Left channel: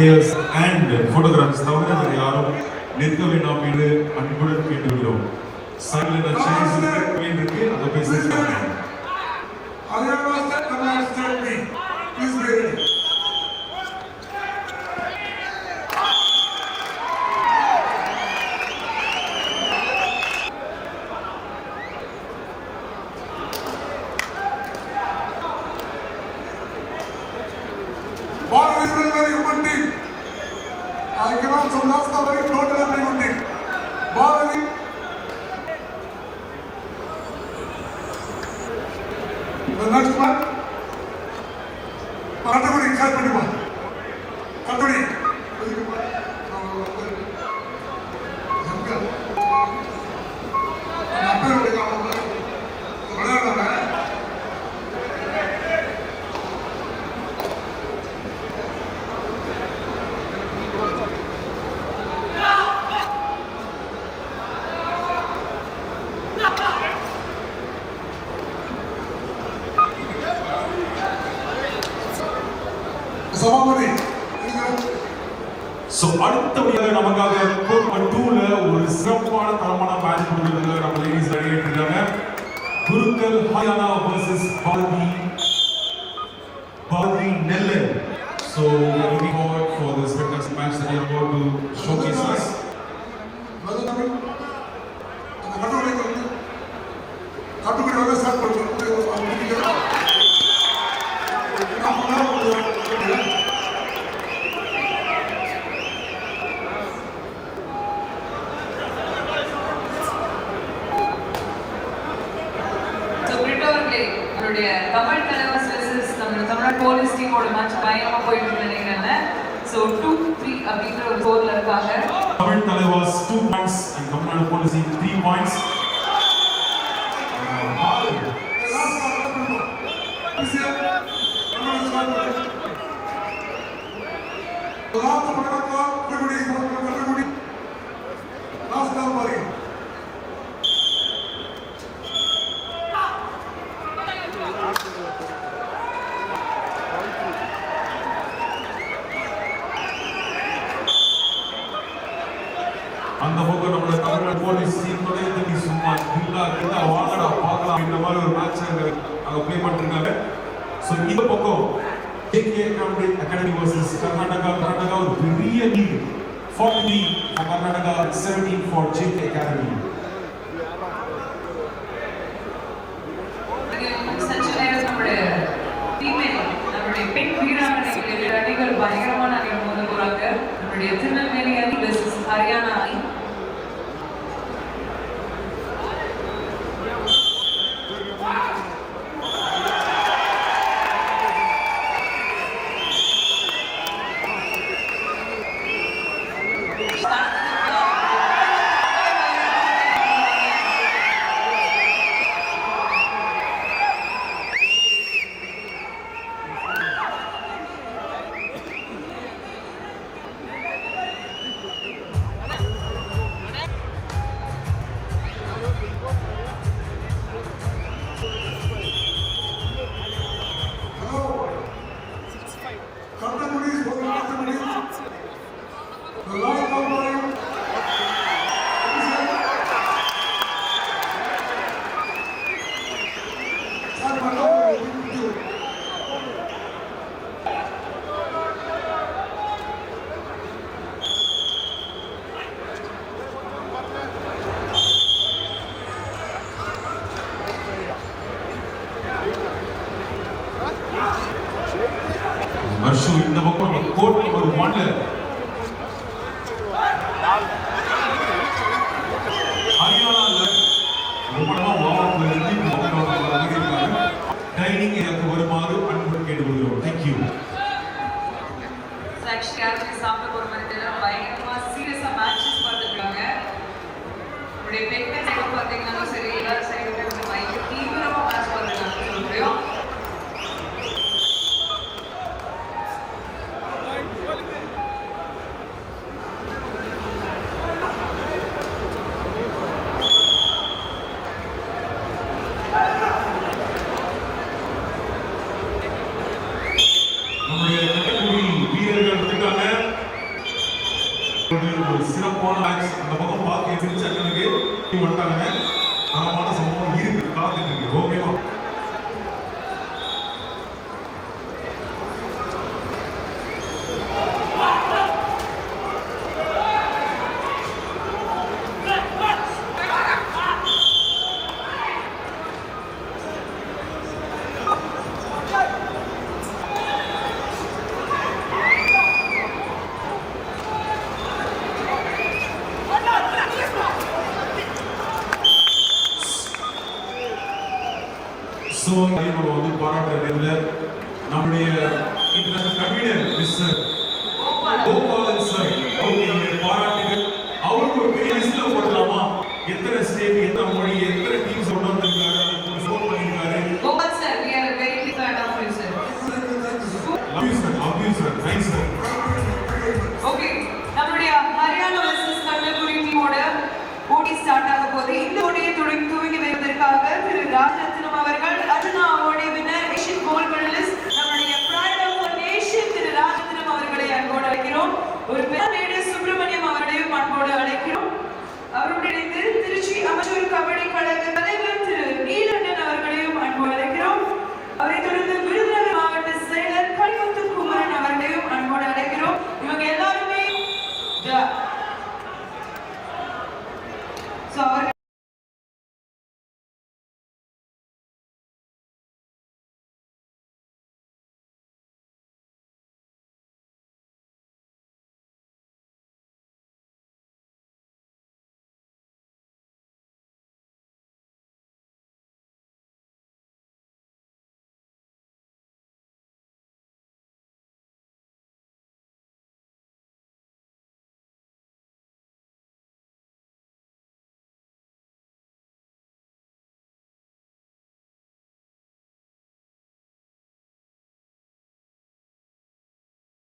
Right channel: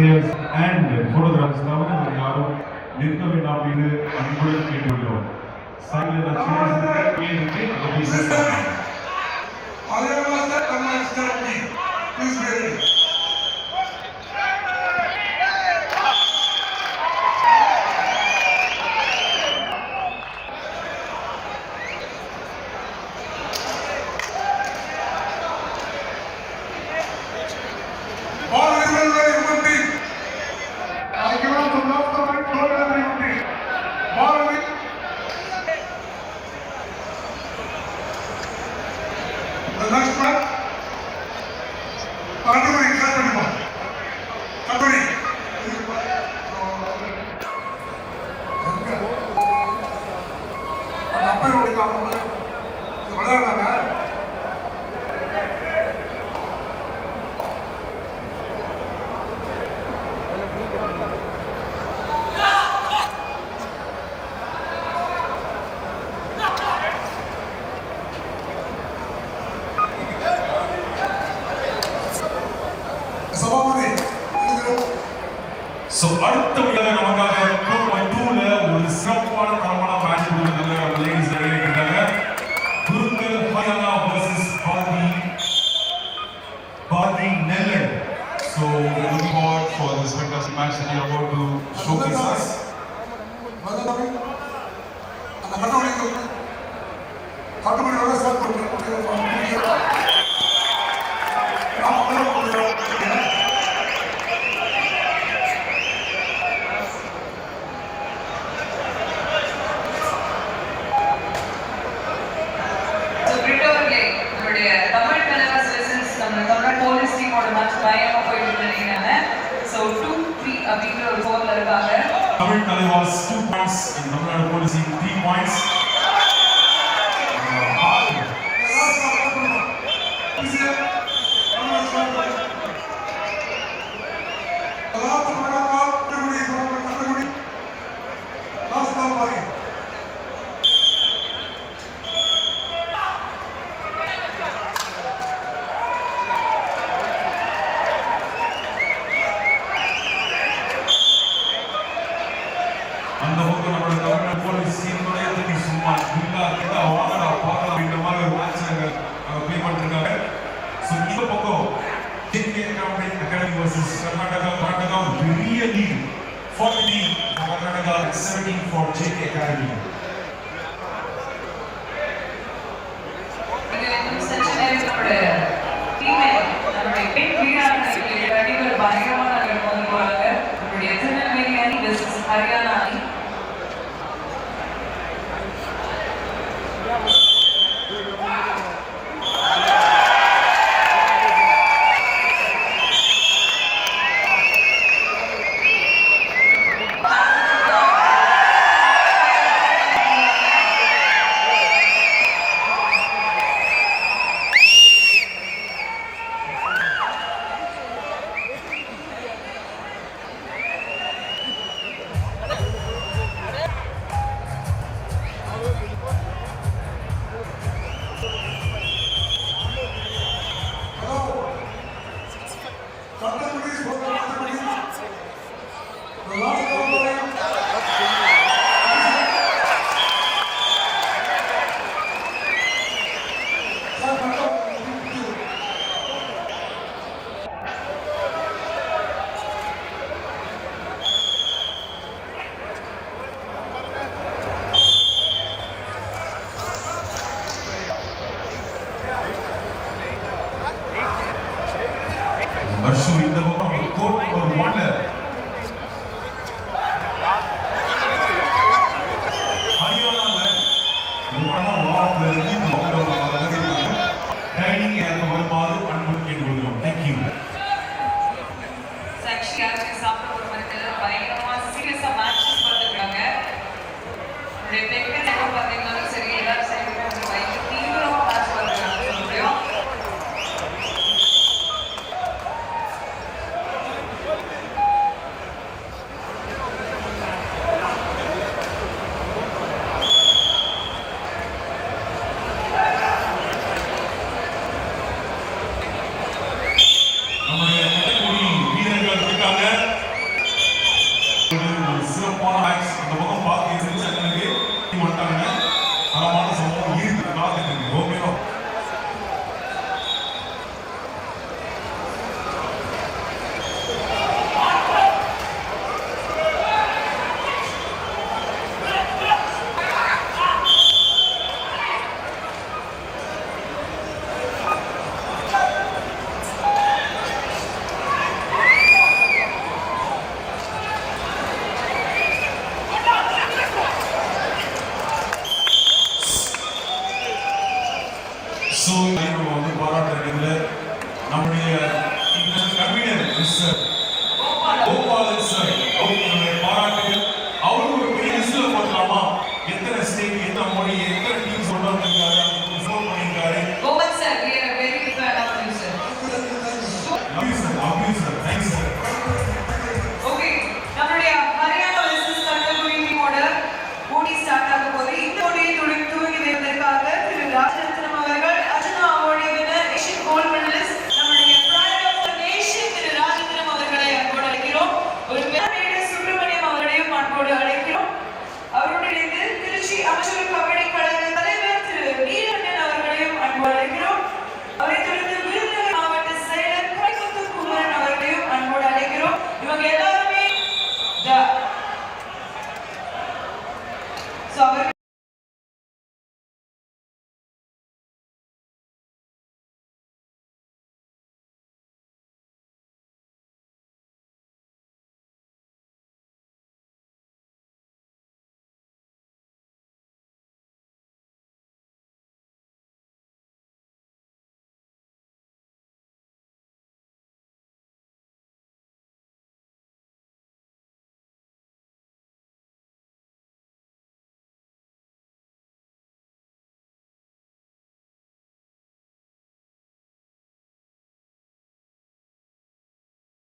ஆசிரியர்ஸ் and photographers தவிர யாரும் நிற்க வேண்டாம் அப்படின்னு அன்புடன் கேட்டுக்கிறோம் சைடில் நான் சேஸ் இருக்கு அங்கே Bota para Gracias.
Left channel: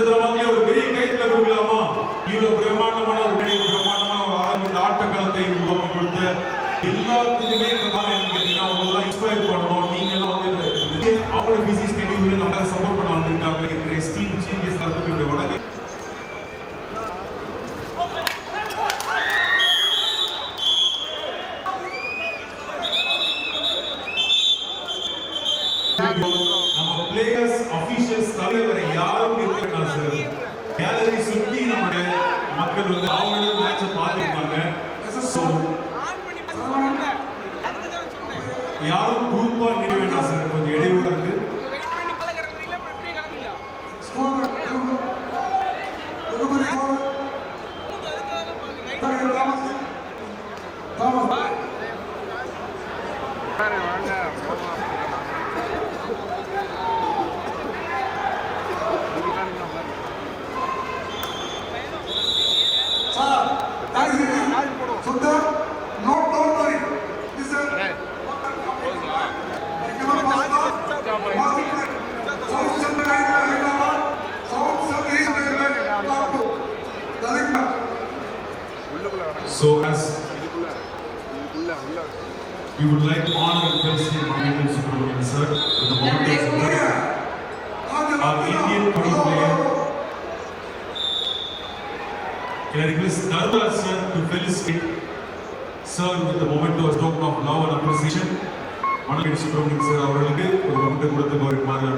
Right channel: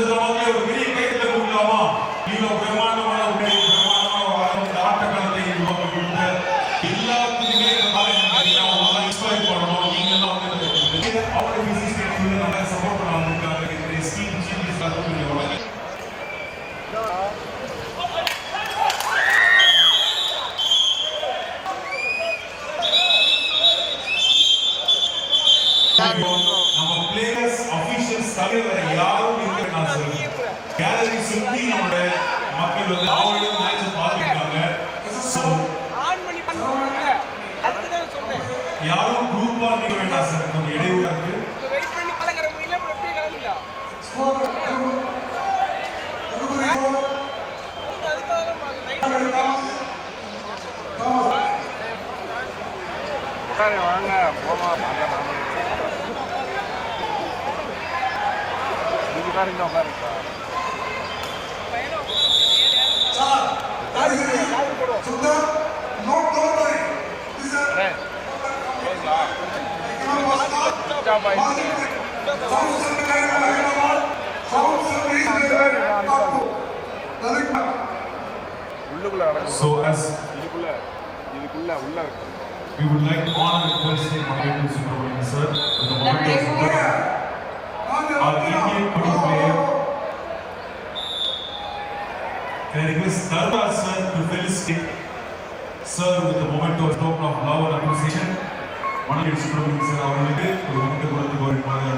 கொடுக்குற மாதிரி ஒரு பெரிய கைத்துல கொடுக்கலாமா? இவ்வளவு பிரம்மாண்டமான ஒரு পরিমাণে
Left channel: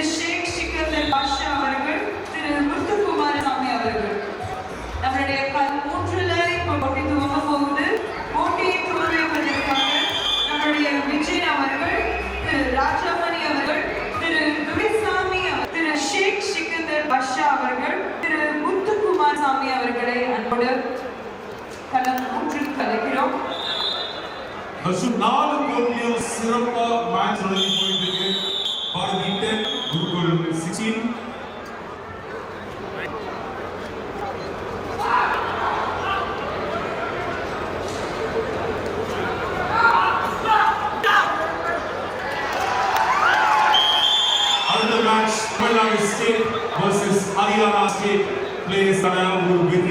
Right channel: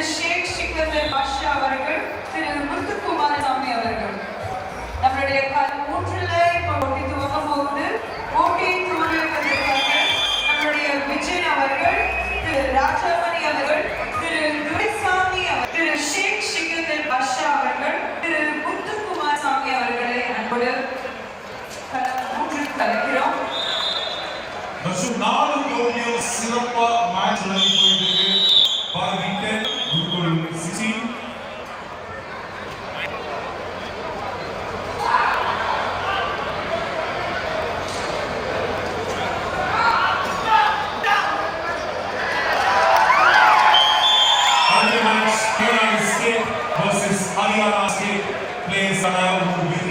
திரு ஷேக் சிக்கந்தர் பாஷா அவர்கள் திரு முத்துக்குமாரசாமி அவர்கள். நம்மளுடைய கல் மூன்றுல இப்போ போட்டி துவங்க போகுது. போட்டியை துவங்க வைப்பதற்காக நம்மளுடைய விஜய் அவர்கள் திரு ராஜாமணி அவர்கள் திரு துரைசாமி திரு ஷேக் சிக்கந்தர் பாஷா அவர்கள் திரு முத்துக்குமாரசாமி அவர்களை அன்போடு களம் மூன்றுக்கு அழைக்கிறோம் நாலு கோடியில் சிறப்பாக number 16. Another match, Colorado State versus Haryana State plays an with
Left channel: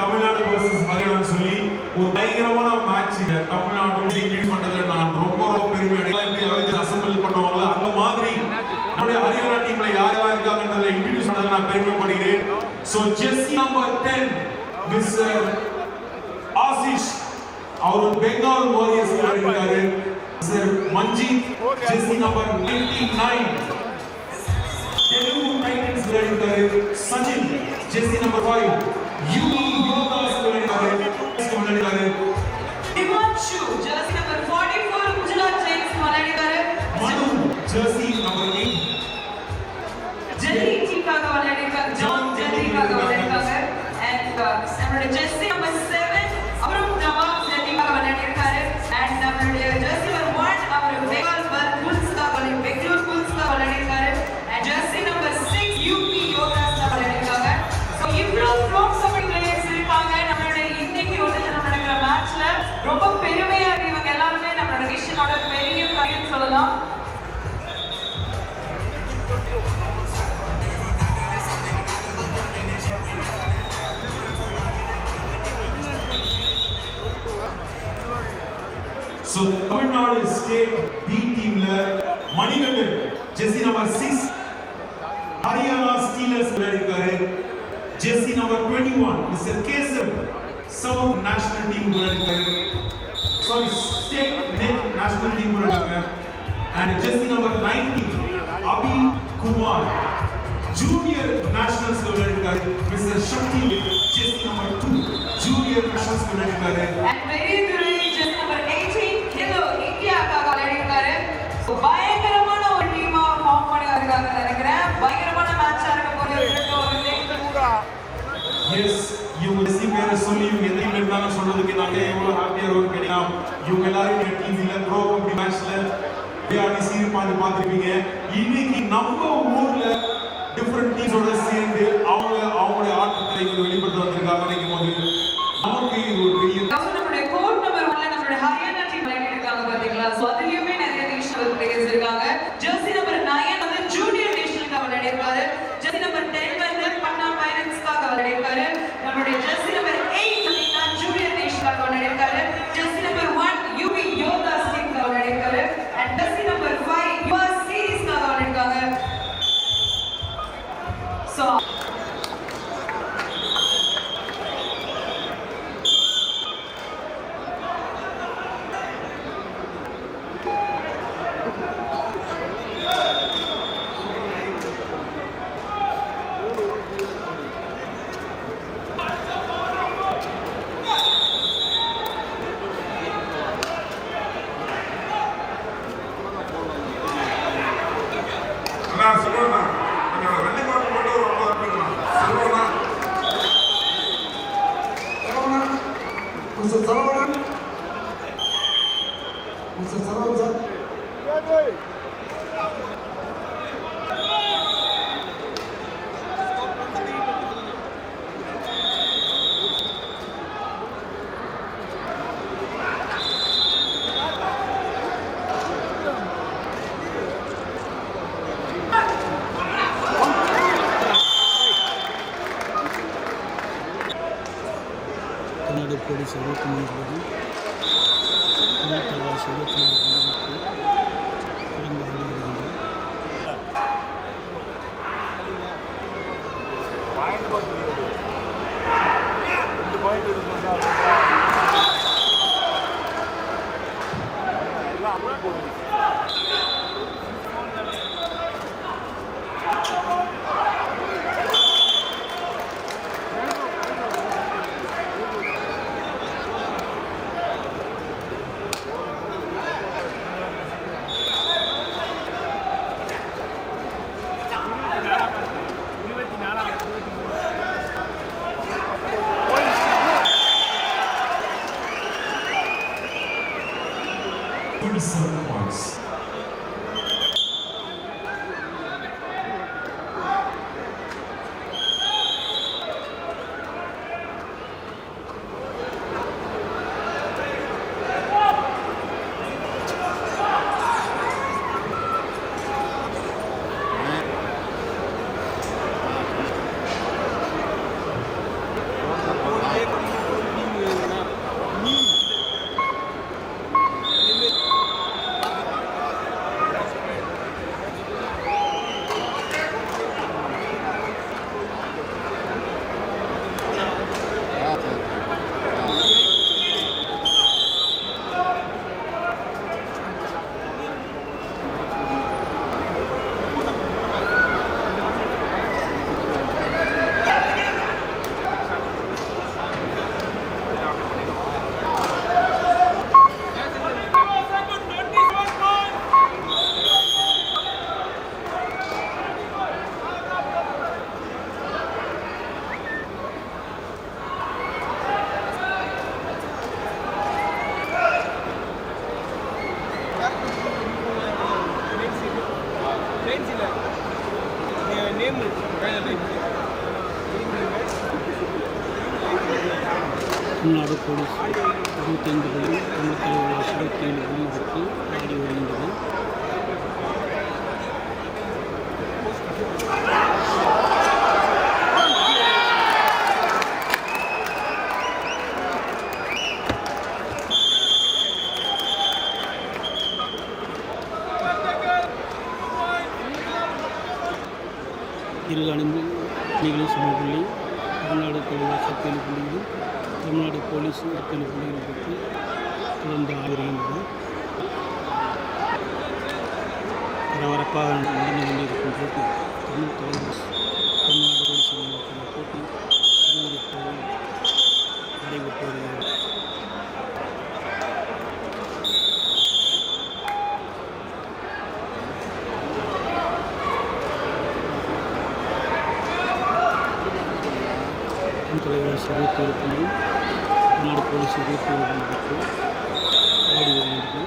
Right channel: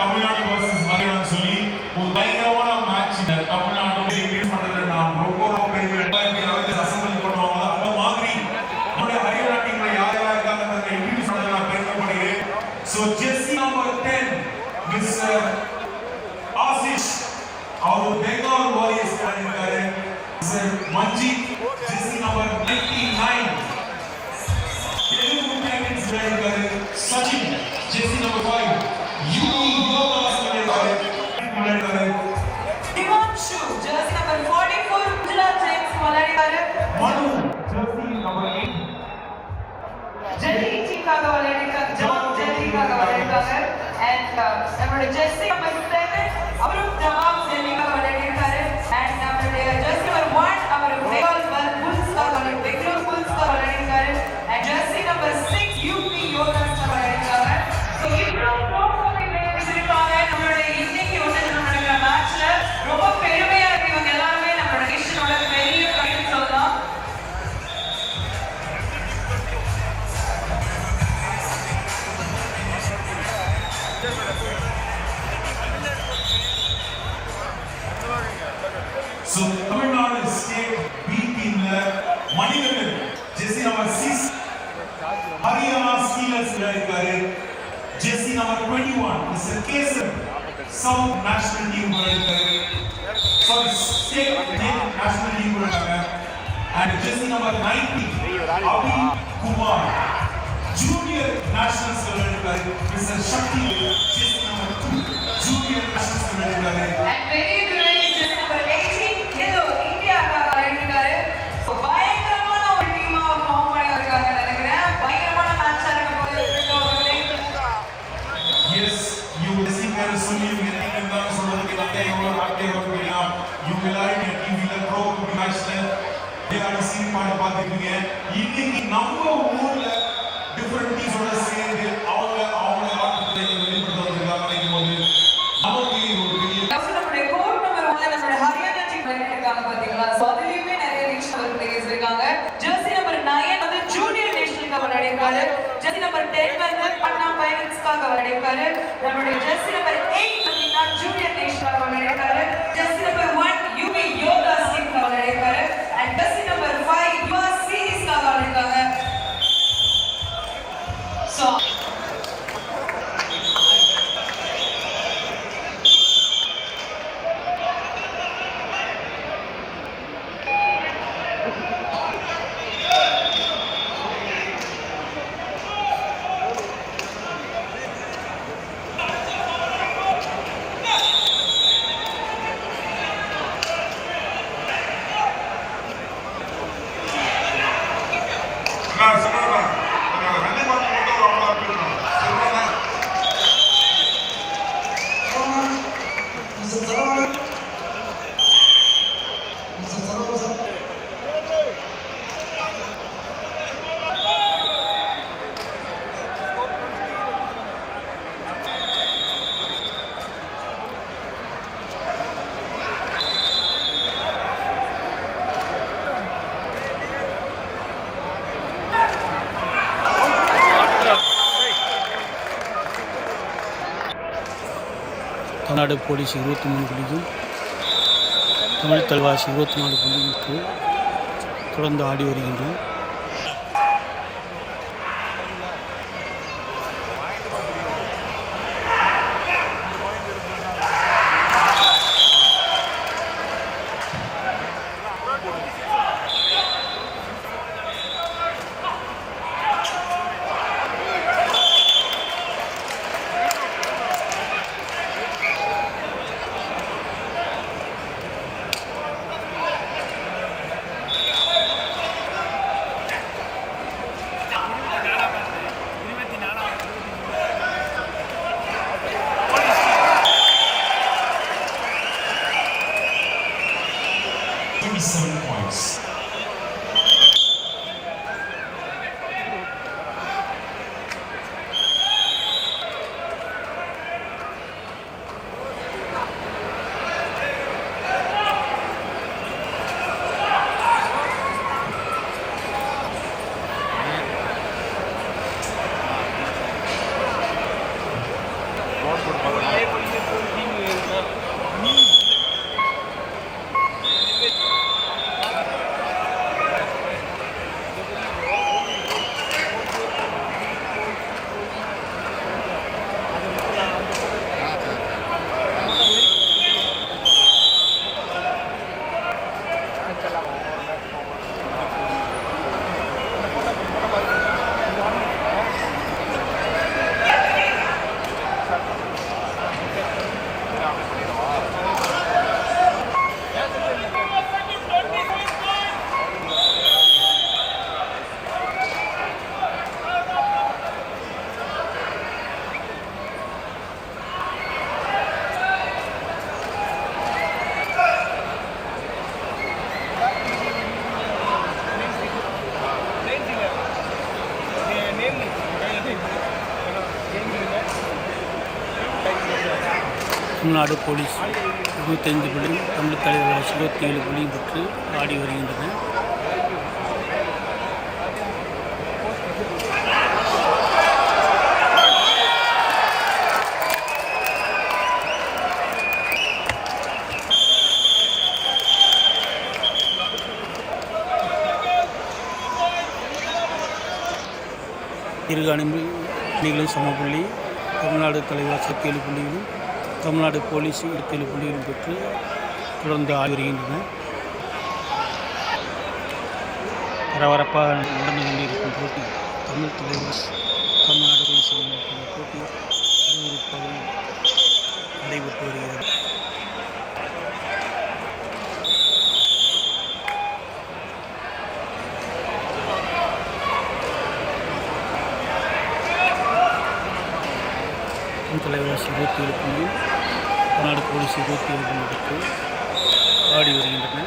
Tamil Nadu versus ஆகியோம்னு சொல்லி ஒரு பயங்கரமான மேட்ச் தமிழ்நாடு லீட் பண்றதுல நான் ரொம்ப ரொம்ப பெருமை அடையாவது அசம்பிள் பண்ணுவாங்க அந்த மாதிரி நம்முடைய ஹரியானா டீம்ல யார் யார் இருக்காங்கன்றதுல இன்ட்ரடியூஸ் பண்ணதுல நான் பெருமைப்படுகிறேன். ஸோ ஜெஸ்ஸி நம்பர் டென் மிஸ் ஆசிஷ் அவர் பெங்கால் வாரியர்ஸ் இருக்காரு. சார் மஞ்சித் ஜெஸ்ஸி number ninety nine Telugu Titans இருக்காரு. சச்சின் ஜெஸ்ஸி number five thumbs. And we're just seeing the case of national league some state national league and just number 90 Abhi Kumar. Junior national சொல்லிருக்காரு Mr. Shakti just number 2 Junior national சொல்லிருக்காரு and very ஆடிப்பாடு பார்த்துருக்கீங்க இன்னைக்கு நம்ம ஊர்ல different பீஸோட Tamil Nadu police இருபத்தி மூணு புள்ளியும் தமிழ் தல்வாசி இருபத்தி நாலு புள்ளியும் தொடர்ந்து ஆடி வருகின்றோம். தமிழ்நாடு போலீஸ் இருபத்தைந்து புள்ளி தமிழ் தலைவர் இருபத்தி ஏழு புள்ளி பெற்று ஆடி வருகின்றன. இரு அணிகளும் சம புள்ளி தமிழ்நாடு தலைவர் சக்தியேழு புள்ளிகளும் தமிழ்நாடு போலீஸ் இருபத்தேழு புள்ளிகள் பெற்று தொடர்ந்து ஆடி வருகின்றன பரபரப்பாக நடந்து கொண்டிருக்கும் போட்டி தமிழ் தலைவர் தமிழ்நாடு போலீஸ் போட்டி விறுவிறுப்பாக நடைபெற்று வருகிறது. தலைவாசி இருபத்தி ஏழு புள்ளி தமிழ்நாடு போலீஸ் இருபத்தி ஏழு புள்ளி ஆடி வருகின்றன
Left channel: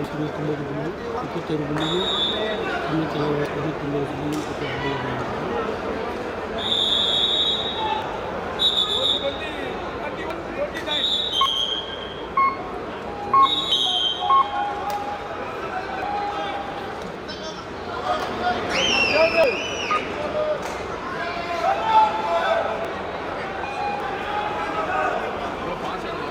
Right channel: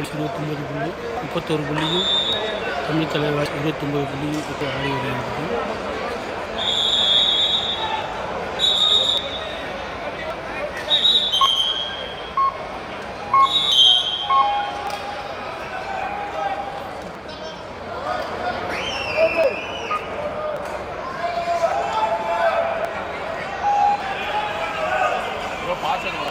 ಕೊಡಿಸಿ ಇರುವತ್ತೊಂಬತ್ತು ಗುಂಡು ಇಪ್ಪತ್ತಾರು ಗುಂಡಿಯು ತಮಿಳು ತಲೆಯ ಇರುವತ್ತೊಂಬತ್ತು ಗುಂಡಿಯು ಇಪ್ಪತ್ತು ಆಡಿ పాస్ అయినా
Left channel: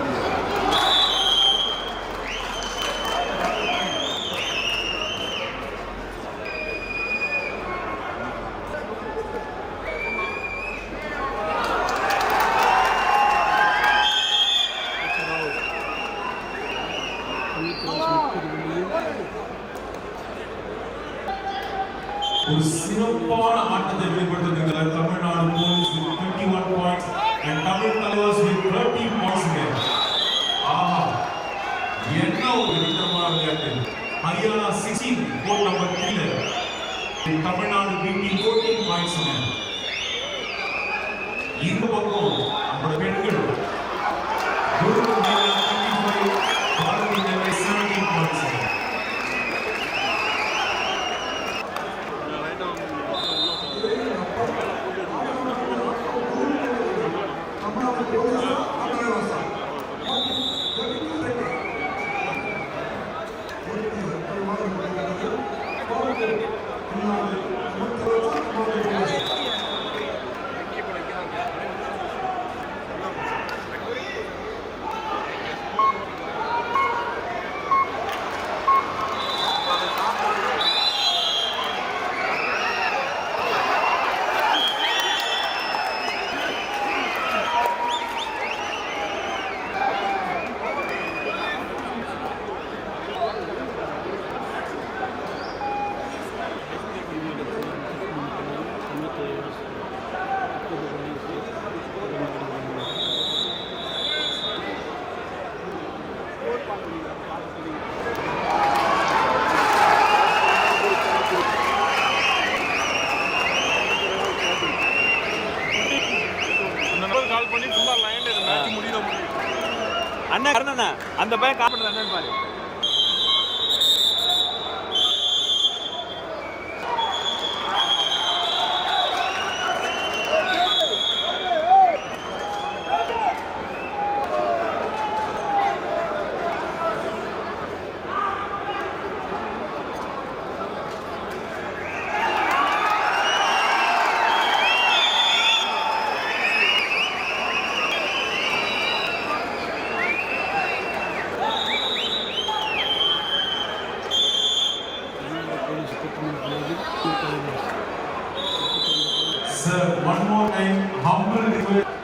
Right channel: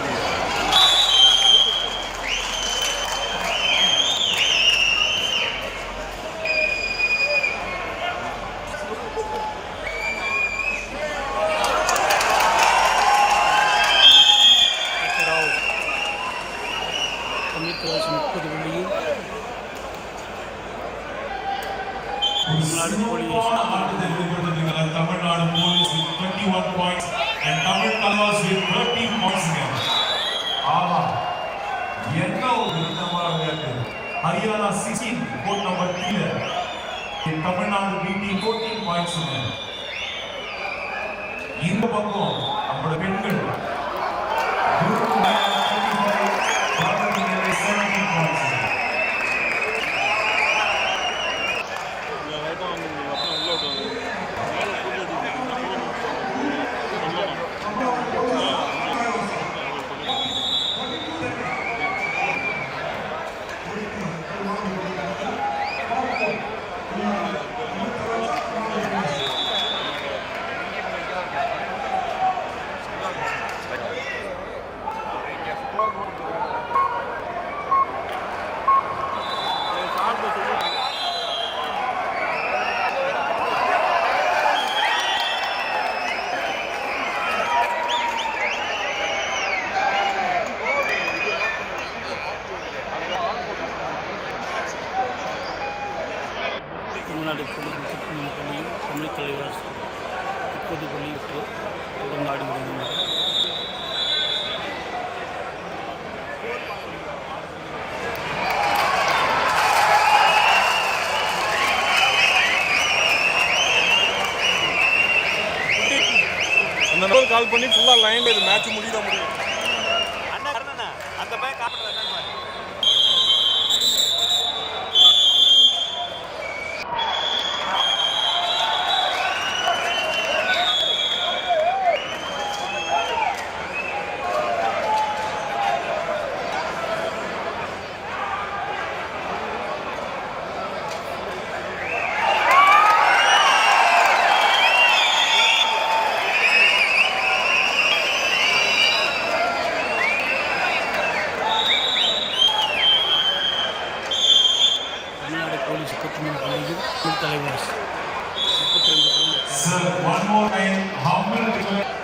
Sir, one more time, humble request.